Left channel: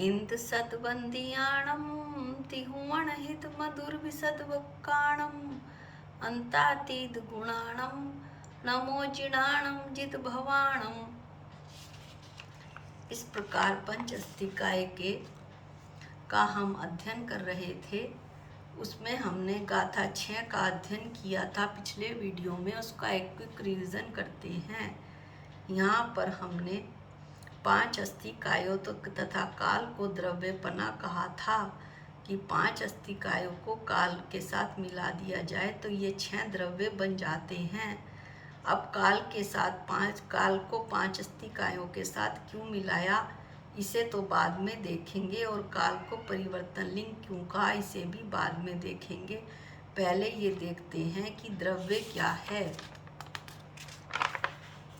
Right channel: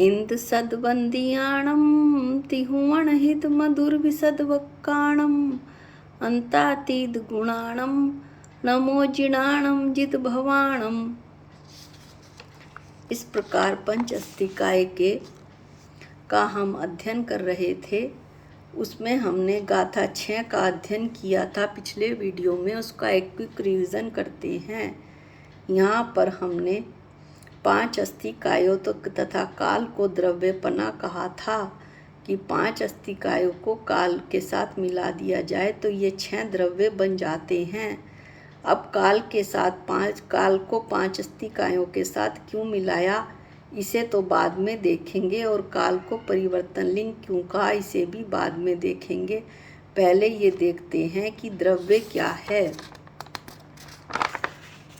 इंद सद्वंदियाणं तिहुवणहित मधुर विसद्वक्काणं अंतातीत गुणाणं नमो जिणाणं जित भवाणं। इस प्रकार पंच अस्तिकाय का हम अध्ययन कर रहे थे। उसमें हमने गाथा 6 का अध्ययन किया था पिछले वीडियो में। उसका एक क्विक रिवीजन करते हैं। यहाँ पर हमने 5 अस्तिकायों तथा काल को द्रव्यपना कहा था कि 5 अस्तिकायों को काल के साथ मिला दिया जाए तो ये 6 द्रव्य बन जाते हैं। अब काल को 5 अस्तिकायों के साथ क्यों मिलाया इसे तो बाद में देखेंगे, और काल को परिवर्तन लिंग क्यों कहा इसे भी बाद में देखेंगे। पहले ये देखते हैं कि द्रव्य क्या है।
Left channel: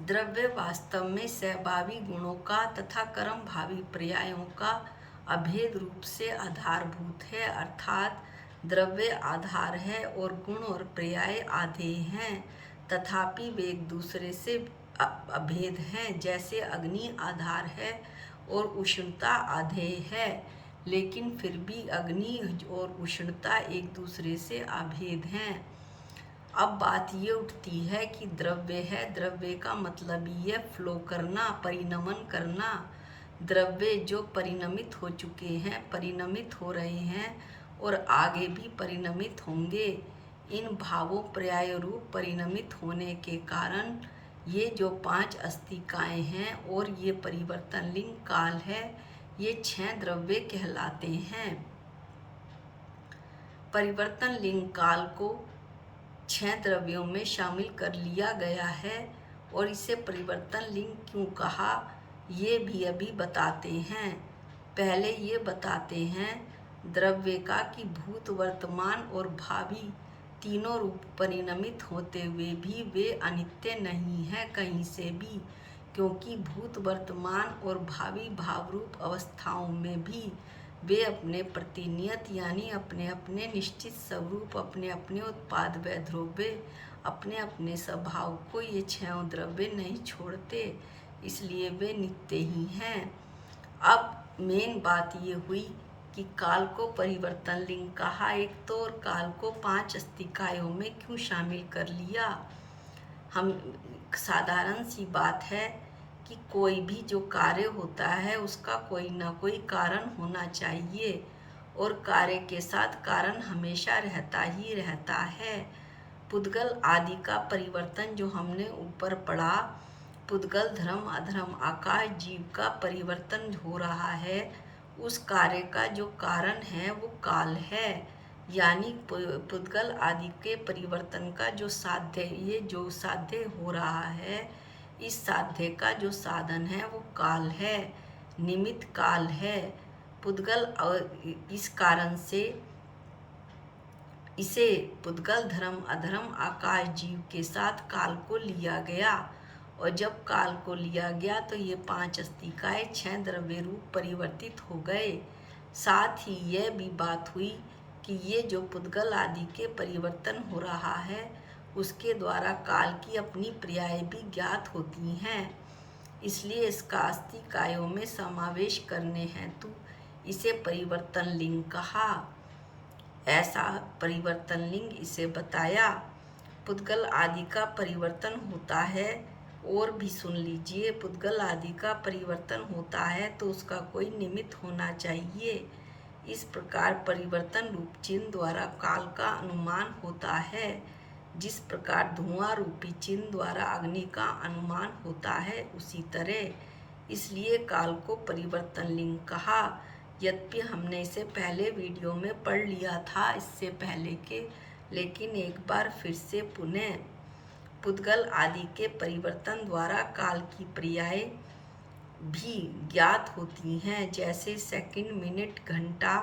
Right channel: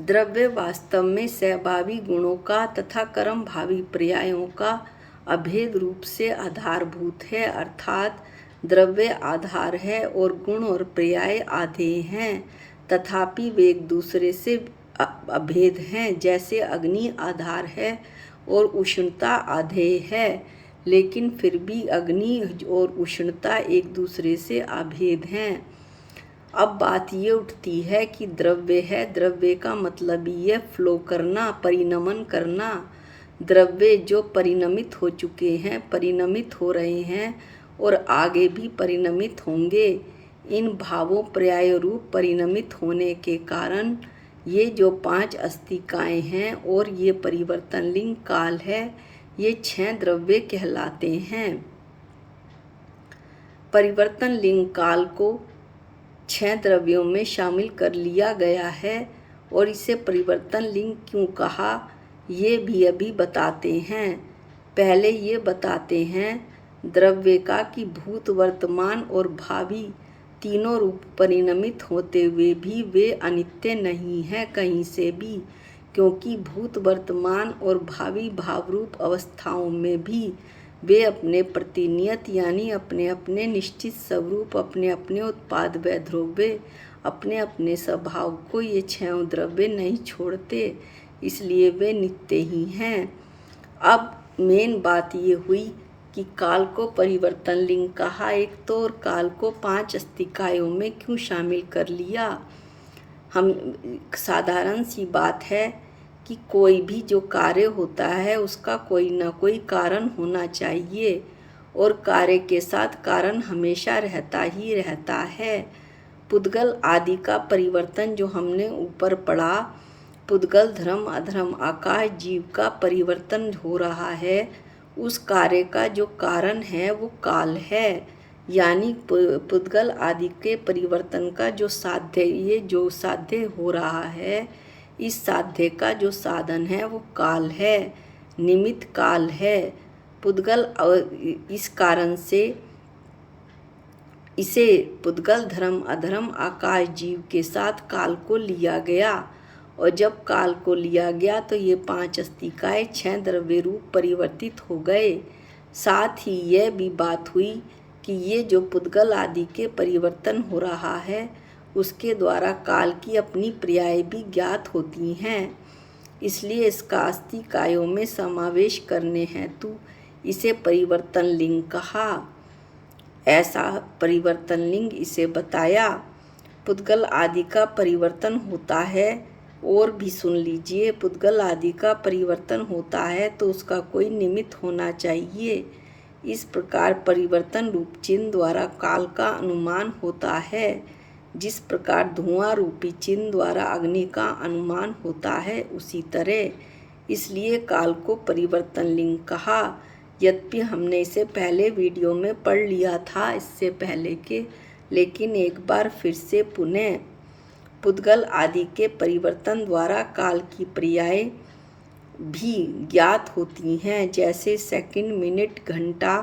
द्रव्य वास्तव में सहभावी गुणों का तथा कर्म भावी पर्यायों का अभेद रूप से आधारभूत है, अर्थात द्रव्य आधार है और गुण और पर्याय आधेय हैं, तथापि वे एक दूसरे से अभेद हैं। जैसे अग्नि आधार है और उष्णता आधेय है, लेकिन फिर भी अग्नि और उष्णता एक दूसरे से अभेद हैं। अब बात ये उठती है कि द्रव्य है, द्रव्य का मतलब ये फ्लो करना, परिणमन करना। द्रव्य जो परिणमित हो चुके हैं, परिणमित हो रहे हैं और आगे भी परिणमित होंगे। इन भावों पर्याय रूप परिणमित होने के कारण ये जो 5 अस्तिकाएं हैं और ये परिवर्तन लिंग काल है, ये 6 द्रव्य कहलाते हैं। परिवर्तन लिंग काल को 6 द्रव्यों में शामिल कर लिया गया है, और इसे परिवर्तन लिंग क्यों कहा ये भी अभी बताते हैं। पहले ये बताते हैं द्रव्य का कि भूत, वर्तमान और भावी तीनों रूप परिणमित होते हुए भी वे अनित्य नहीं है कहीं से भी, क्योंकि भूत, वर्तमान और भावी भाव रूप अवस्थाओं में भी वे अपने प्रतिनियत यानी अपने अपने निश्चित स्वरूप, अपने अपने उत्पाद व द्रव्य, अपने अपने स्वभाव को ये 6 द्रव्य नहीं छोड़ते, इसलिए वे नित्य ही हैं। अब मेन बात ये हुई कि काल को परिवर्तन लिंग कहा एक तो, और काल को 5 अस्तिकायों में क्यों शामिल कर लिया। हम साधारण सी बात है कि कोई भी जो कार्य होता है उसका कोई ना कोई कारण होना चाहिए, और कार्य के साथ कारण हमेशा रहता ही रहता है। पुद्गल आदि का परिवर्तन जो हमने ऊपर पढ़ा, पुद्गल, धर्म, अधर्म, आकाश, जीव का परिवर्तन हो रहा है, उस कार्य का जो कारण है वो काल है। यानी पुद्गल आदि के परिवर्तन का जो साध्य, ये जो साध्य हो रहा है, इस साध्य का जो साधन है वो काल है, निमित्त काल है। पुद्गल, इस कारण से इसे पुद्गल, धर्म, अधर्म, आकाश, जीव के साथ काल को लिया गया, और जब काल को लिया गया तो ये 5 अस्तिकाएं 6 द्रव्य रूप परिवर्तित हो गए। साथ ही यह भी बात हुई कि ये जो पुद्गल आदि के परिवर्तन हो रहा है उसके द्वारा काल की अपनी पर्याय भी ज्ञात होती हैं, इसलिए इसका अस्तिकायों में समावेश करने हेतु इसे परिवर्तन लिंग कहा। ऐसा परिवर्तन लिंग इसे बताया। पुद्गल आदि का परिवर्तन होता है, और भी सुन लीजिए, पुद्गल आदि का परिवर्तन होता है तो उसका कोई निमित्त होना चाहिए। इस प्रकार परिवर्तन रूप चिन्ह द्वारा काल का अनुमान होता है, जिस प्रकार धुआं रूपी चिन्ह द्वारा अग्नि का अनुमान होता है उसी तरह। इसलिए काल को परिवर्तन लिंग कहा। यद्यपि हमने इसे पहले वीडियो में पढ़ लिया था इससे पहले के, लेकिन एक बार फिर से पुनः पुद्गल आदि के परिवर्तन द्वारा काल की पर्याय भी ज्ञात होती हैं, जैसे सेकंड, मिनट, घंटा,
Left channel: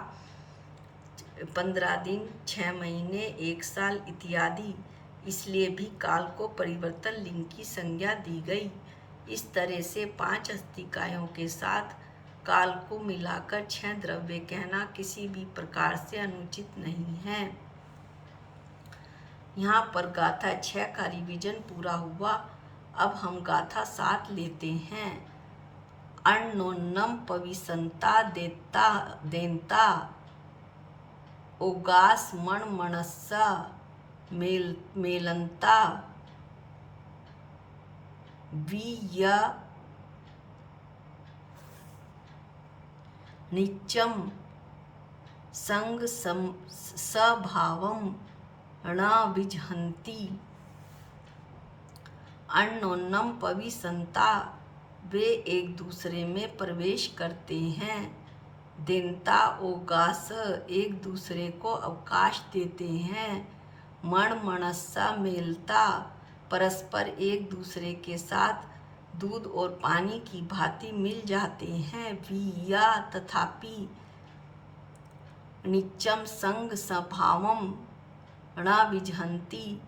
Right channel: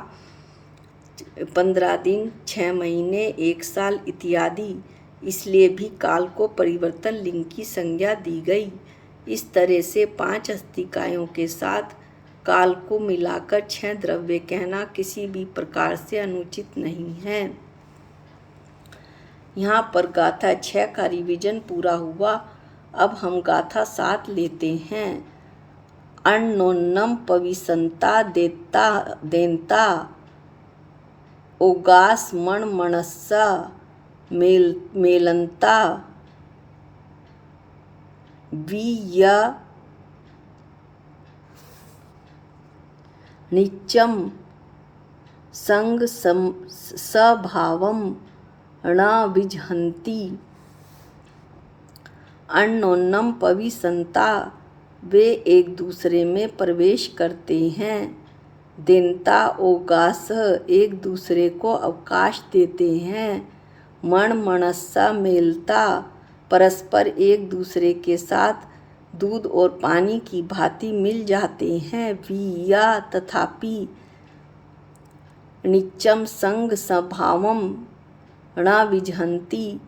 15 दिन, 6 महीने, 1 साल इत्यादि। इसलिए भी काल को परिवर्तन लिंग की संज्ञा दी गई। इस तरह से 5 अस्तिकायों के साथ काल को मिलाकर 6 द्रव्य कहना किसी भी प्रकार से अनुचित नहीं है। यहाँ पर गाथा 6 का रिवीजन पूरा हुआ। अब हम गाथा 7 लेते हैं। अन्योन्यम पविसंता देनता ओगास मणमणस्सा मेलंता विय नित्यम संग सभावम न विजहन्ति। अन्योन्यम पविसंता वे एक दूसरे में प्रवेश करते हैं। देनता ओगास एक दूसरे को अवकाश देते हैं। मणमणस्सा मेलता परस्पर एक दूसरे के साथ दूध और पानी की भांति मिल जाते हैं। विया तथापि नित्यम संग स्वभावम न विजहन्ति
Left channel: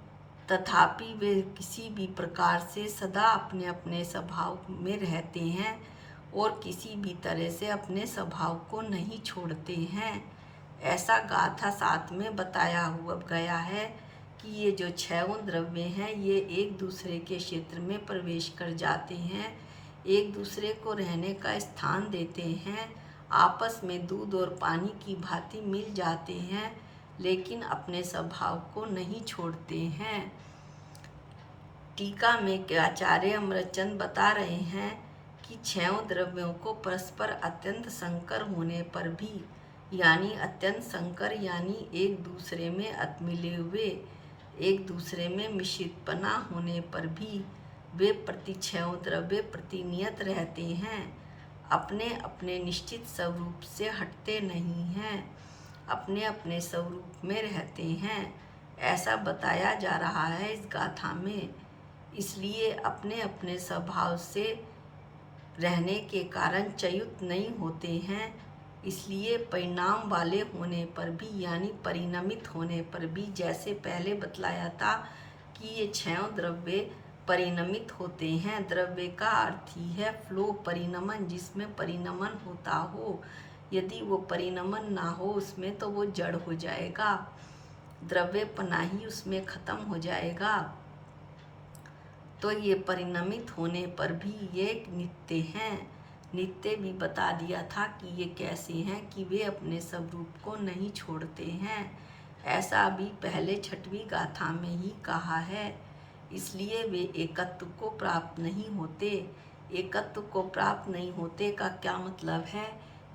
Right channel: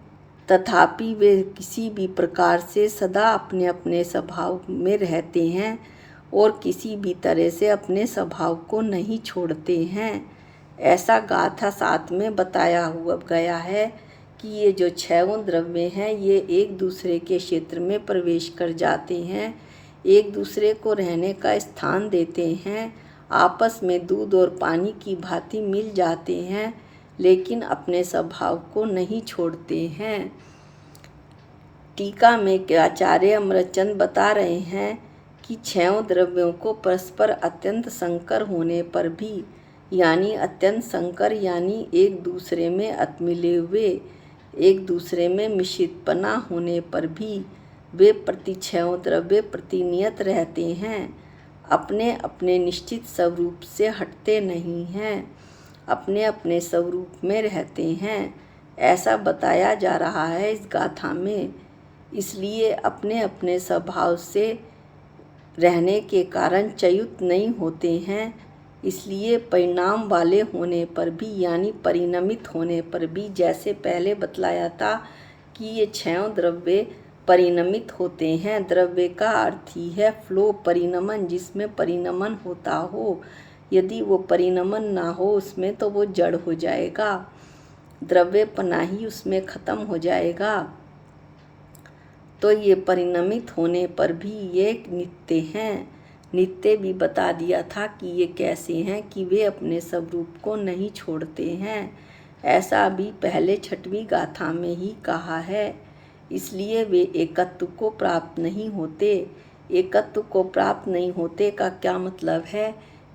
तथापि वे किसी भी प्रकार से सदा अपने अपने स्वभाव में रहते हैं और किसी भी तरह से अपने स्वभाव को नहीं छोड़ते हैं। ऐसा गाथा 7 में बताया हुआ गया है कि ये जो 6 द्रव्य हैं ये एक दूसरे के क्षेत्र में प्रवेश कर जाते हैं, एक दूसरे को रहने का स्थान देते हैं, आपस में दूध और पानी की भांति मिल जाते हैं, लेकिन अपने स्वभाव को नहीं छोड़ते हैं। टीका में आचार्य अमृतचंद बता रहे हैं कि 6 द्रव्यों को परस्पर अत्यंत संकर होने पर भी, यानी अत्यंत संकर यानी एक दूसरे में मिले हुए, एक दूसरे में मिश्रितपना होने पर भी वे प्रति 6 द्रव्य प्रतिनियत रहते हैं, अपने अपने निश्चित स्वरूप से हटते नहीं हैं, अपने अपने स्वरूप में रहते हैं। ऐसा बताया जा रहा है इस गाथा में। इसलिए अपने अपने स्वभाव से रहने के कारण च्युत नहीं होते हैं। इसलिए परिणाम वाले होने पर भी, यानी परिणमित होने पर भी, जैसे पहले बतलाया था कि ये 6 द्रव्य परिणमित होते हैं। द्रव्य का अर्थ ही है फ्लो, परिणमन, जिसमें परिणमन होता हो। यदि वो परिणमन ना हो उसमें तो वो जड़ हो जाएगा, द्रव्यपना ही उसमें खत्म हो जाएगा। तो ये परिणमित होने पर भी ये नित्य हैं। नित्य भी बता दिया था कि ये कैसे हैं कि वे अपने स्वरूप को नहीं छोड़ते हैं। ऐसा भी पहले 6वीं गाथा में ही कहा है। इसलिए वे एकत्व को प्राप्त नहीं होते। एकत्व को प्राप्त नहीं होते का क्या मतलब है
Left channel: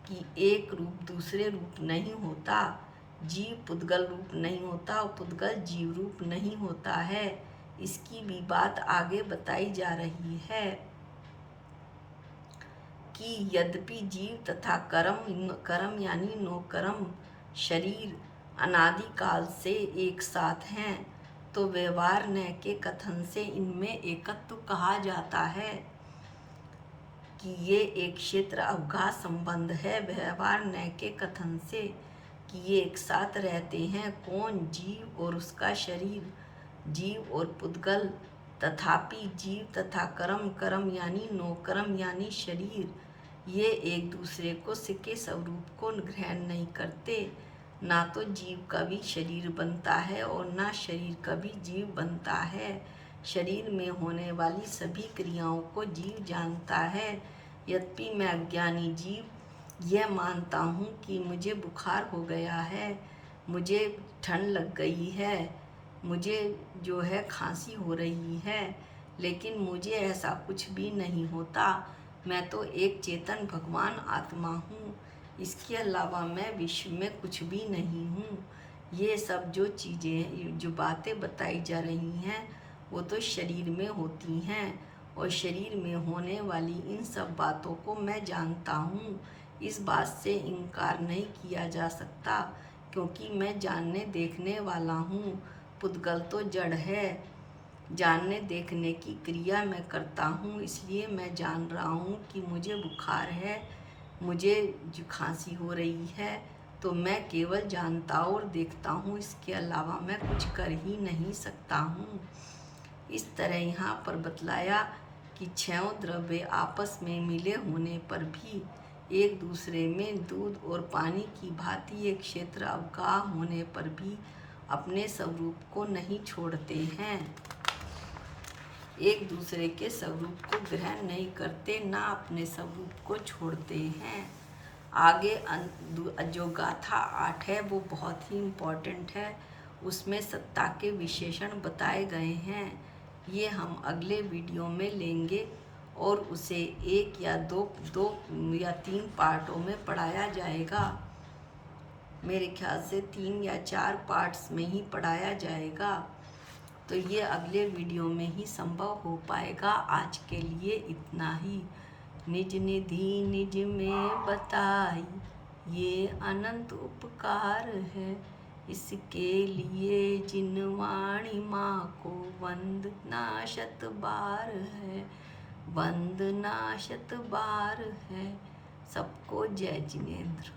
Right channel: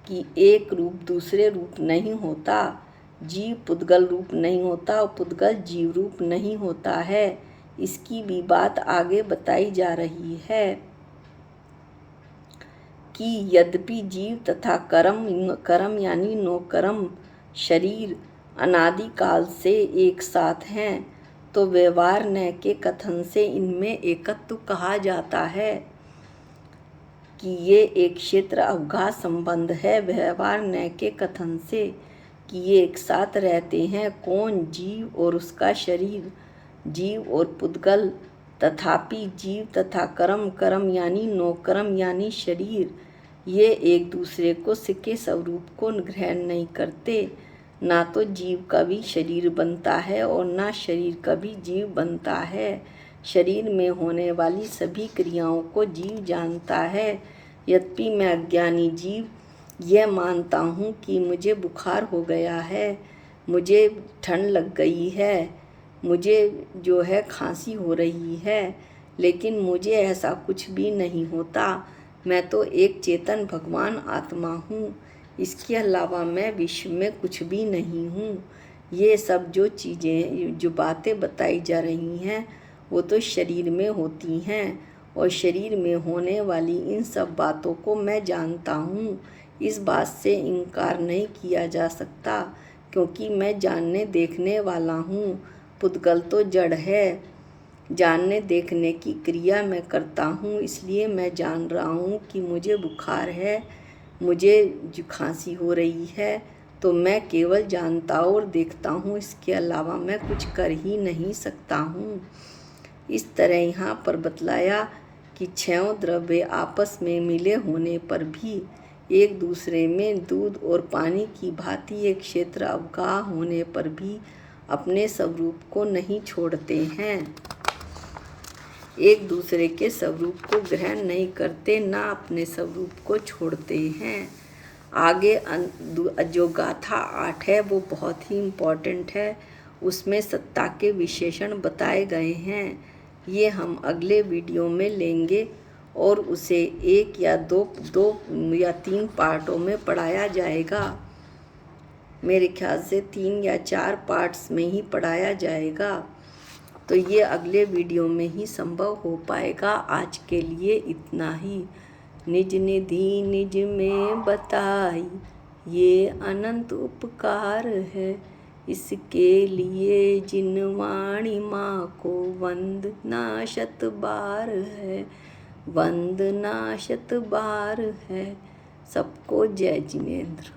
कि एक रूप दूसरे रूप नहीं होता, जीव पुद्गल रूप नहीं होता और पुद्गल जीव रूप नहीं होता है। इसकी भी बात आगे बताई जा रही है कि यद्यपि जीव तथा कर्म यानी नौकर्म शरीर अनादिकाल से एक साथ हैं, तो व्यवहार न के कथन से इनमें एकत्व कहा जाता है कि ये एक क्षेत्र अवघा संबंध है। व्यवहार न के कथन से कि ये एक साथ रहते हैं। कौन? जीव और उसका शरीर, जीव और पुद्गल। तथापि जीव तथा कर्म यानी नौकर्म यानी शरीर, ये एक दूसरे को के स्वरूप को ग्रहण नहीं करते। ना तो जीव का भी शरीर बनता है और ना शरीर का भी जीव बनता है। शरीर में होने वाली सभी क्रियाओं को जीव जानता है। यद्यपि मैं अज्ञानी जीव यह मानता हूँ कि मुझे बुखार हो गया है, मुझे ठंड लग गई है, मुझे जो है खांसी हो रही है, लेकिन मुझे ऐसा कुछ भी नहीं होता। मैं तो एक चेतन भगवान आत्मा हूँ, इसके अलावा मैं विश्व में कुछ भी नहीं हूँ। ये सब जो चीज़ें, जो बातें बताई जा रही हैं वो तो शरीर में होती हैं और शरीर में होने वाली इन सब बातों को मैं जानता हूँ। इस बात से इनकार नहीं किया जा सकता, क्योंकि मैं जानने देखने वाला हूँ। पुद्गल तो जड़ है, जानने देखने की क्रिया मैं करता हूँ। इसलिए मैं जान रहा हूँ कि मुझे बुखार है, मुझे जो खांसी हो रही है, तो मैं केवल जानता और देखता हूँ, इसके अलावा मैं कुछ कर ही नहीं सकता हूँ। इस तरह यहाँ पर बतलाया कि 6 द्रव्य आपस में मिले होने पर भी एक दूसरे में दूध और पानी की भांति एक क्षेत्र अवगाह होने पर भी अपने स्वरूप को नहीं छोड़ते हैं। एक दूसरे के स्वरूप को ग्रहण नहीं करते, ना अपने स्वरूप को छोड़ते हैं। आगे जो गाथा 8 है वो बहुत ही इम्पॉर्टेंट है। उसमें सत्ता के विशेषण बताए गए हैं। ये हम अगले वीडियो में लेंगे और उसे 1 या 2 या 3 पार्टों में पढ़ाया जाएगा। मेरे ख्याल से 3 या 4 पार्ट्स में ही पढ़ाया जाएगा। तो ये अगले वीडियो में ही संभव हो पाएगा। आज के लिए इतना ही। निज निधि निज में बताई, ये अनंत उपकार है। इसके लिए जिनवाणी माँ को वंदना शत बार है, वंदना शत बार है। सबको जय जिनेंद्र।